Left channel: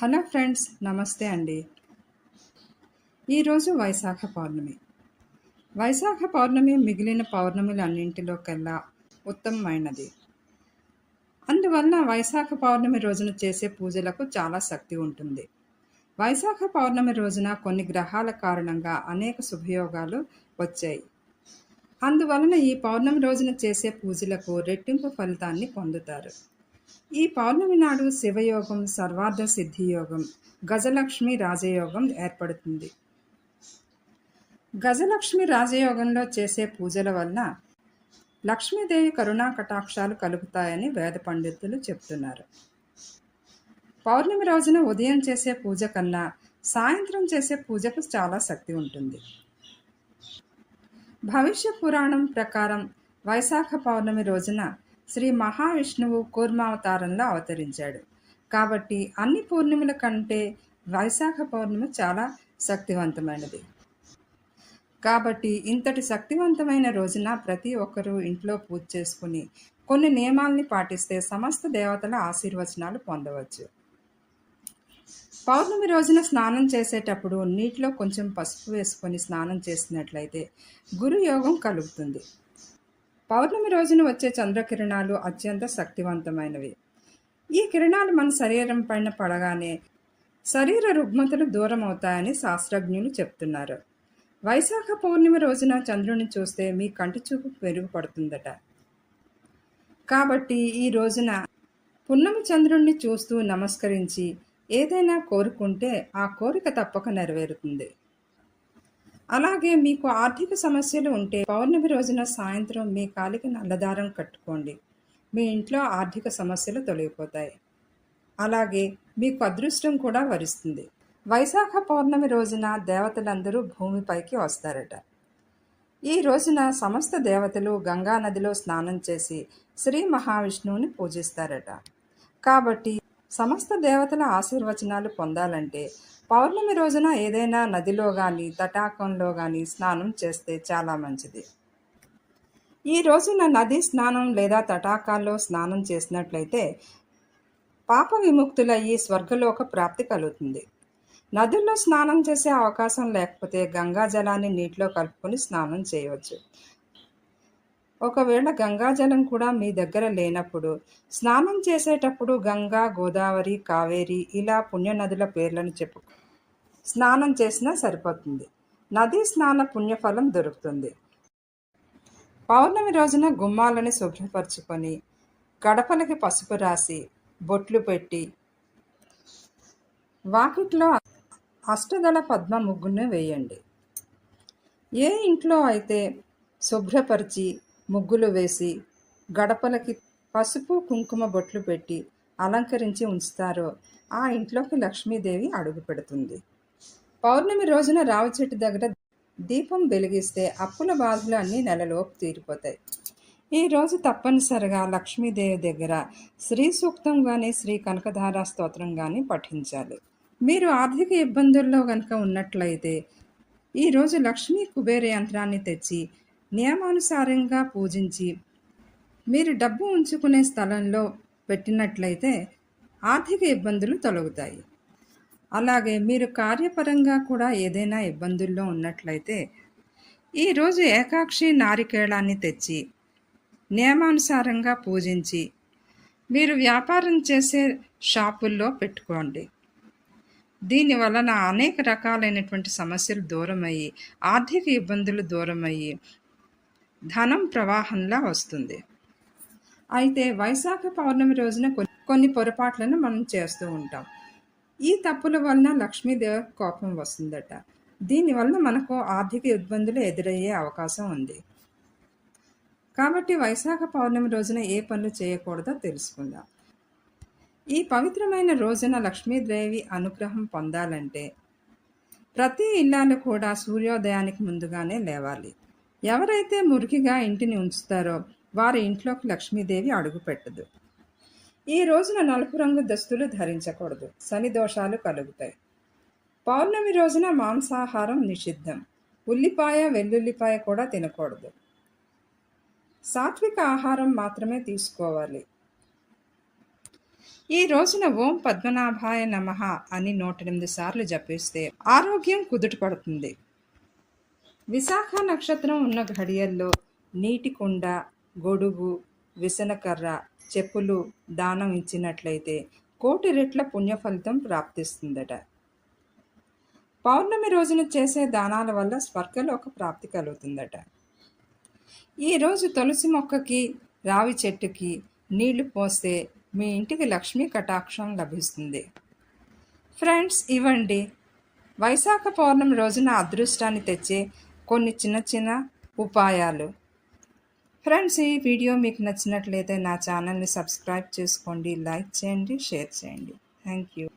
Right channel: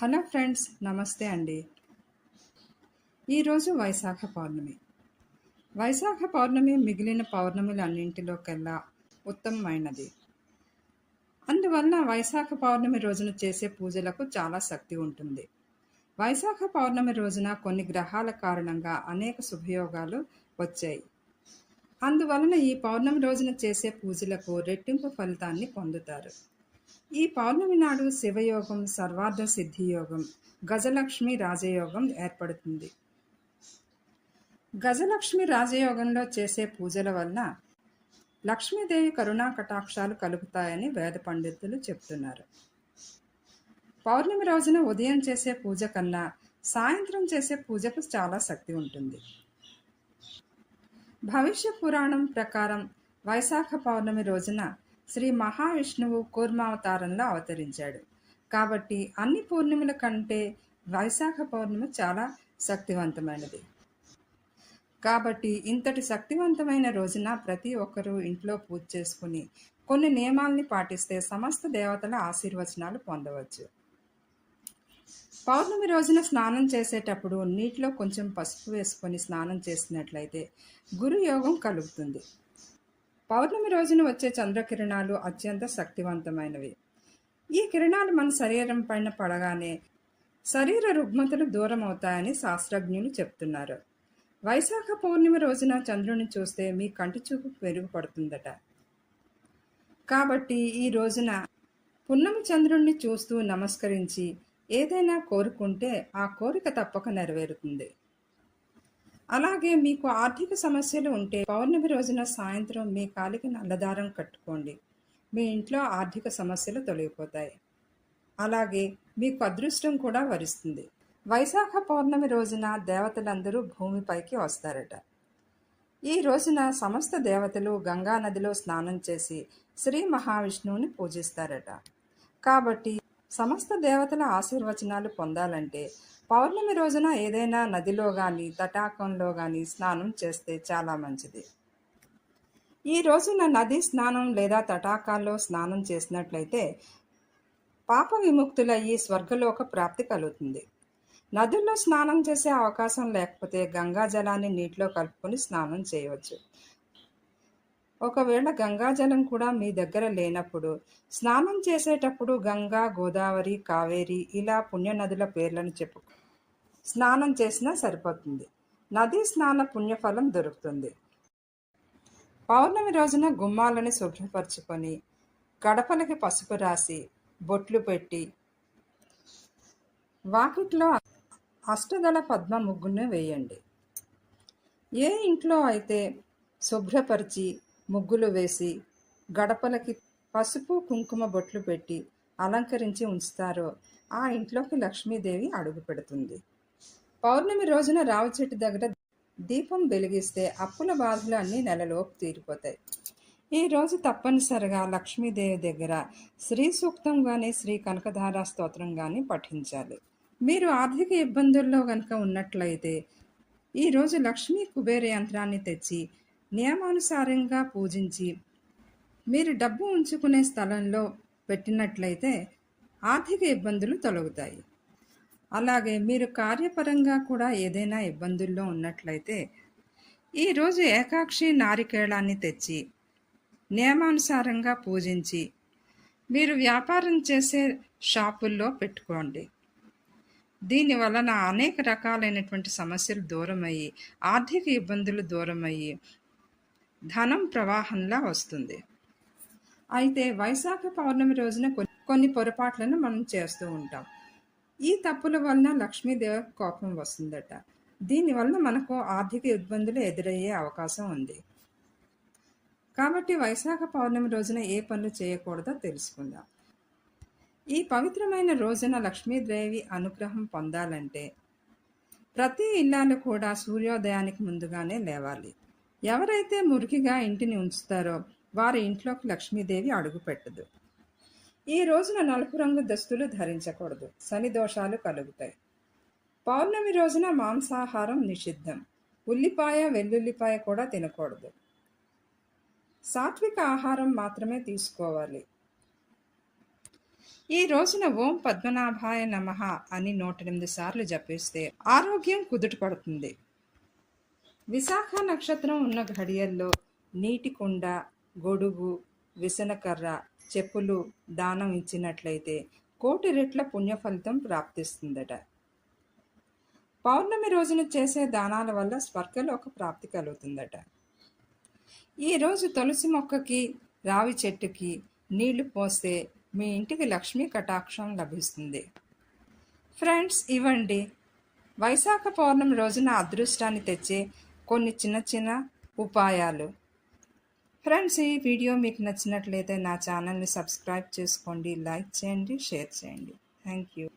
Hello friends, నమస్తే అండి. ఈరోజు వైశాఖ పౌర్ణమి. వైశాఖ పౌర్ణమి మిగిలిన పౌర్ణమిలన్నింటిలోకెల్లా ఉత్తమమైనది. అందువల్ల వైశాఖ పౌర్ణమి రోజున చేసే పూజలకు చాలా శక్తి ఉంటుంది. వైశాఖ పౌర్ణమి రోజున కొన్ని గ్రహాల కారణంగా అనేక శుభయోగాలు వచ్చాయి. అందువలన ఈ పౌర్ణమి రోజున చేసే పూజలకు రెట్టింపు ఫలితాన్ని పొందుతారు. ఈ పౌర్ణమి నాడు శివయోగం, సర్వార్థ సిద్ధి యోగం, గజలక్ష్మి రాజయోగం ఏర్పడుతుంది. గజలక్ష్మి రాజయోగంలో చేసే పూజల వల్ల లక్ష్మీదేవి కరుణా కటాక్షాలు కలుగుతాయని వేద పండితులు చెప్తున్నారు. పౌర్ణమి రోజున ఉదయం చేసే పూజ కన్నా సాయంత్రం చేసే పూజకు చాలా శక్తి ఉంటుంది. భవిష్య పురాణం ప్రకారం వైశాఖ పౌర్ణమి రోజున శ్రీ మహావిష్ణువు కూర్మావతారంలో అవతరించాడు. కాబట్టి అన్ని పూర్ణిమల కంటే వైశాఖ పౌర్ణమి చాలా శక్తివంతమైనది. కాబట్టి ఇంతటి శక్తివంతమైన రోజున ప్రతి ఒక్కరూ ఇంట్లో పూజ చేసుకుని కొన్ని నియమాల్ని పాటిస్తే సమస్త దేవతల ఆశీర్వచనాలు పొందవచ్చు. పౌర్ణమి రోజున స్నానం చేసేటప్పుడు నీటిలో కొంచెం పసుపు వేసుకొని స్నానం చేసినట్లయితే గురుయోగం కలుగుతుంది. పౌర్ణమి రోజున వచ్చే చంద్రకిరణాలు అత్యంత శక్తివంతమైనవి. ఈ కిరణాలు మన శరీరం పైన పడగానే శరీర రుగ్మతలు దూరం అవుతాయని శాస్త్రజ్ఞులు చెప్తున్నారు. వైశాఖ పౌర్ణమి రోజున చంద్రుని చూస్తే మీ కంటి చూపు మెరుగుపడుతుందట. కాబట్టి ఈ రోజున పున్నమి చంద్రుణ్ణి చూస్తూ నమస్కరించి ఏదైనా కోరుకుంటే ఆ కోరిక తప్పక నెరవేరుతుంది. అలాగే మీకు ఆర్థిక సమస్యలు ఉంటే పౌర్ణమి రోజున సాయంత్రం మీ కాలికి నల్లదారం కట్టుకోండి. మీ ఇంట్లో ఆర్థిక సమస్యలు తొలగిపోతాయి. అలాగే మీకు అదృష్టం కూడా వరిస్తుంది. వైశాఖ పౌర్ణమి రోజున దేవతలందరూ భూమిపైకి వస్తారట. ఈ రోజున సమస్త దేవతలు గంగా నదిలో స్నానం చేసి శ్రీ మహావిష్ణువుని పూజిస్తారట. కాబట్టి సమస్త దేవతల ఆశీర్వచనాలు పొందాలంటే పౌర్ణమి రోజున ఏదైనా నదిలో కానీ తటాకంలో కానీ స్నానం చేస్తే చాలా మంచిది. ఈ రోజున నది స్నానం లేదా తటాకాల్లో స్నానం చేసినట్లయితే పాప విముక్తులయ్యి స్వర్గలోక ప్రాప్తి కలుగుతుంది. నదుల్లో స్నానం చేసే అవకాశం లేకపోతే గంగా జలాన్ని నీటిలో కలుపుకొని స్నానం చేయవచ్చు. ఒకవేళ గంగాజలం కూడా మీ దగ్గర లేనప్పుడు స్నానం చేసేటప్పుడు గంగా, గోదావరి, కావేరి ఇలా పుణ్యనదుల పేర్లను చెప్పు స్నానం చేసినా సరిపోతుంది. నదీ స్నాన పుణ్యఫలం దొరుకుతుంది. పౌర్ణమి రోజున గుమ్మాలని శుభ్రపరచుకొని గడపలకి పసుపు రాసి బొట్లు పెట్టి వాకిట్లో అష్టదళ పద్మ ముగ్గును వేయండి. ఏ ఇంట్లో అయితే శుభ్రపరిచి ముగ్గులు వేసి గడపలకి పసుపు కుంకుమ బొట్లు పెట్టి అలంకరించి ఉంచుతారో ఆ ఇంట్లోకి లక్ష్మీదేవి అడుగు పెడుతుంది. పౌర్ణమి రోజున రావి చెట్టు దగ్గర దీపం వెలిగిస్తే అప్పుల బాధలు అన్నీ నెలలోపు తీరిపోతాయి. ఈ రోజు తప్పనిసరిగా లక్ష్మీదేవి దగ్గర శ్రీ సూక్తం కానీ శ్రీ కనకధార స్తోత్రం కానీ పఠించాలి. మీరు ఆర్థిక ఇబ్బందుల్లో కనుక ఉన్నట్లయితే ఈరోజు లక్ష్మీ కుబేర యంత్రాన్ని తెచ్చి నియమానుసారంగా పూజించి మీరు డబ్బు ఉంచుకునే స్థలంలో పెట్టినట్లయితే ఆర్థిక ఇబ్బందులు తొలగుతాయి. అలాగే మీరు కార్యపరంగా కూడా ఏదైనా ఇబ్బందుల్లో ఉన్నట్లయితే ఈరోజు ఏకాక్షి నారికేళాన్ని తెచ్చి నియమానుసారంగా పూజించి మీరు వ్యాపారం చేసే షాపుల్లో పెట్టుకోండి. దీని వలన అనేక రకాలైనటువంటి సమస్యలు దూరమయ్యి ఆర్థిక ఇబ్బందులు దూరమయ్యి ధనం ప్రవాహంలా వస్తుంది. అయితే వైశాఖ పౌర్ణమి రోజున కొన్ని పొరపాట్లను మనం చేస్తూ ఉంటాం. ఈ తప్పుల వలన లక్ష్మీదేవి కోపం వస్తుందట. దీనివల్ల మనకు ఆర్థిక ఇబ్బందులు ఎదురయ్యే అవకాశం ఉంది. కాబట్టి వైశాఖ పౌర్ణమి రోజున ఏ పనులు చేయకూడదో తెలుసుకుందాం. ఈ పవిత్రమైన రోజున లక్ష్మీదేవి అనుగ్రహం పొందాలంటే ప్రతి ఇల్లాలు కూడా సూర్యోదయానికి ముందుగానే లేవాలి. ఎవరైతే మురికిగా ఇంటిని ఉంచుతారో వారి ఇంట్లోకి లక్ష్మీదేవి అడుగు పెట్టదు. ఈ రోజున నలుపు రంగు దుస్తులు ధరించకూడదు. శని దోషాలు కలుగుతాయి. పౌర్ణమి రోజున మాంసాహారం నిషిద్ధం. ఉల్లిపాయ, వెల్లుల్లిపాయ కూడా తినకూడదు. సాత్విక ఆహారం మాత్రమే తీసుకోవాలి. ఈ రోజున ఓం పద్మనాభాయ నమః అని 108 సార్లు జపిస్తే ఆరోగ్యం కుదుటపడుతుంది. విశాఖ నక్షత్రం ఉన్న ఘడియల్లో నీటి కుండ, గొడుగు, విసనకర్ర, చెప్పులు దానం ఇచ్చినట్లయితే 1,000,000 రెట్ల పుణ్యఫలితం ప్రాప్తిస్తుందట. పౌర్ణమి రోజున చేసే దానాల వల్ల స్వర్గలోక ప్రాప్తి కలుగుతుందట. ఈరోజు తులసి మొక్కకి, రావి చెట్టుకి నీళ్లు పోస్తే మీ ఇంటికి లక్ష్మీ కటాక్షం లభిస్తుంది. ఫ్రెండ్స్, ఇవ్వండి వైశాఖ పౌర్ణమి రోజున అదృష్టాన్ని తెచ్చే కొన్ని చిన్న చిన్న ఉపాయాలు. ఫ్రెండ్స్, ఈ వీడియో మీకు నచ్చినట్లయితే నా ఛానల్ని సబ్స్క్రైబ్ చేసుకోండి, లైక్ చేయండి, షేర్ చేయండి. Thank you.